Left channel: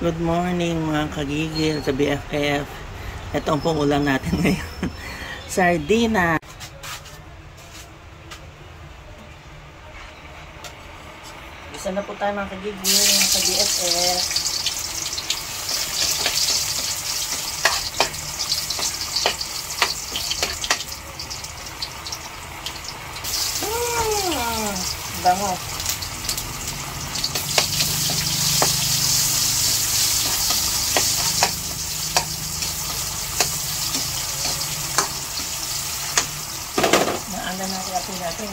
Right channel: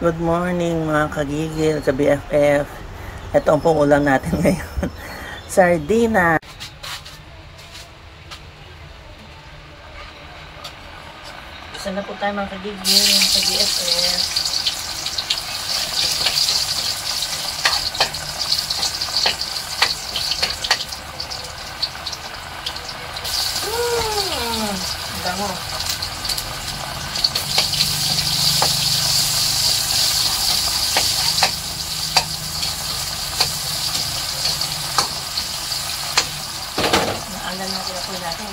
Good morning mga kagigil sa BFF. Ito ang pong ulam natin ngayon. Sardina. Isa na po tayo mga kagigil, mga ka-BFF. Bango. Naalan na kaya po natin.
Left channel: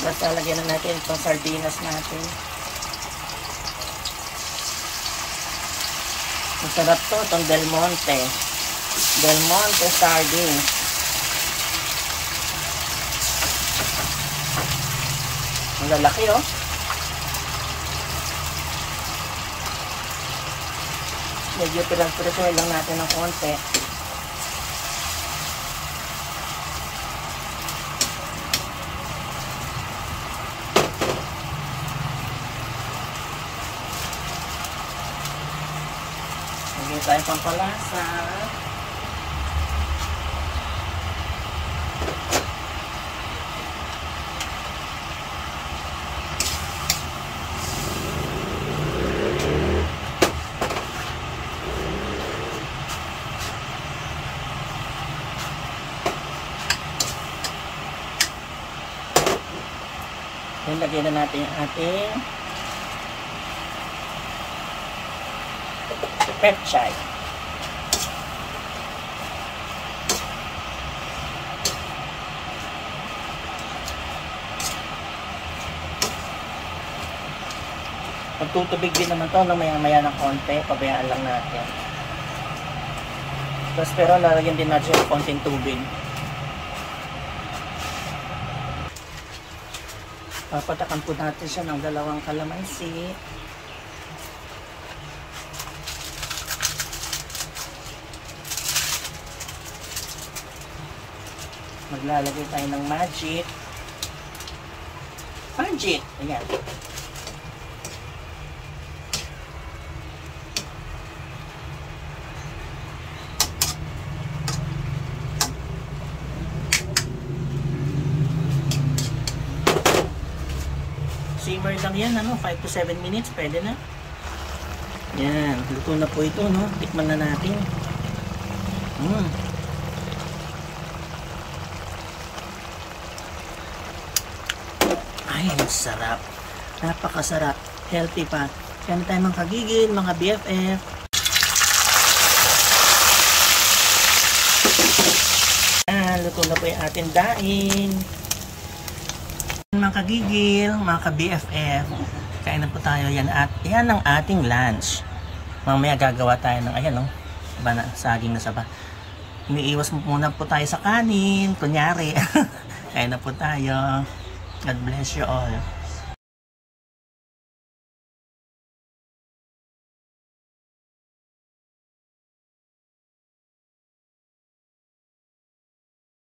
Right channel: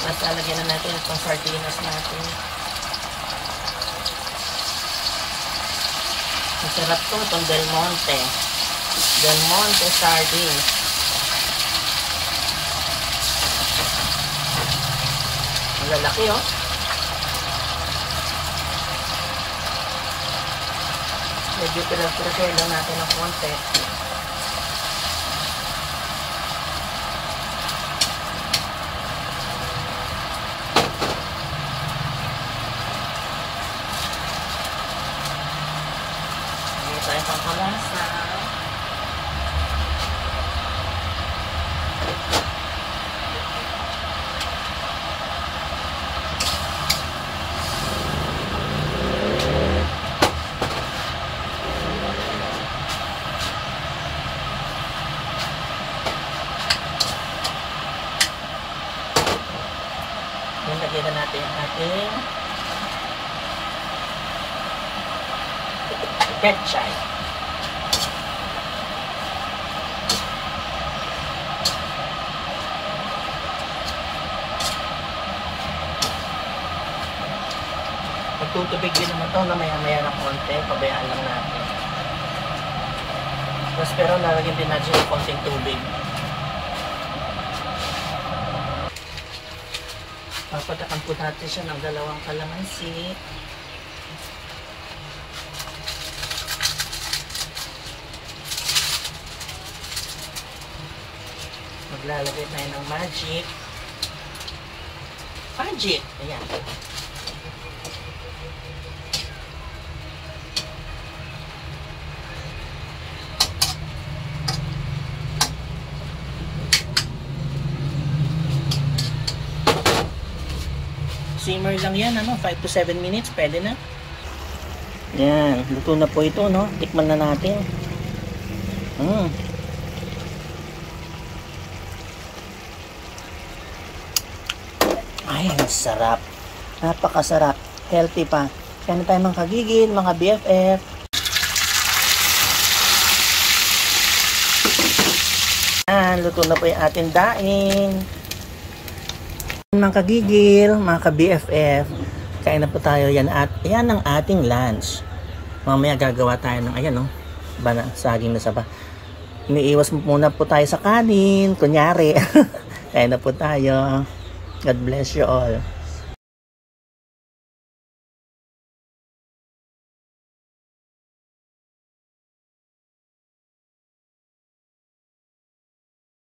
Basta lagyan na natin itong sardinas natin. Masarap to, itong Del Monte. Del Monte sardines. Ang lalaki oh. Medyo pirang-pirang lang natin ng konti. Lagyan tayo ng palasa. Lagyan na natin yung ating petchay. Magtutubig din naman to na maya-maya ng konti. Pabayaan lang natin. Tapos pero lalagyan din natin ng konting tubig. Papatakan po natin siya ng 2 kalamansi. Maglalagay tayo ng magic. Magic! Ayan. Simmer lang yan, 5 to 7 minutes, pwede na. Yan, luto na po ito, no? Tikman na natin. Ay, sarap. Napakasarap. Healthy pa. Kaya na tayo mga kagigil, mga BFF. Yan, luto na po yung ating daing. Mga kagigil, mga ka-BFF, kain na po tayo yan at yan ang ating lunch. Mamaya gagawa tayo ng ayan saging na saba. Iniiwas muna po tayo sa kanin, kunyari. Kain na po tayo. God bless you all.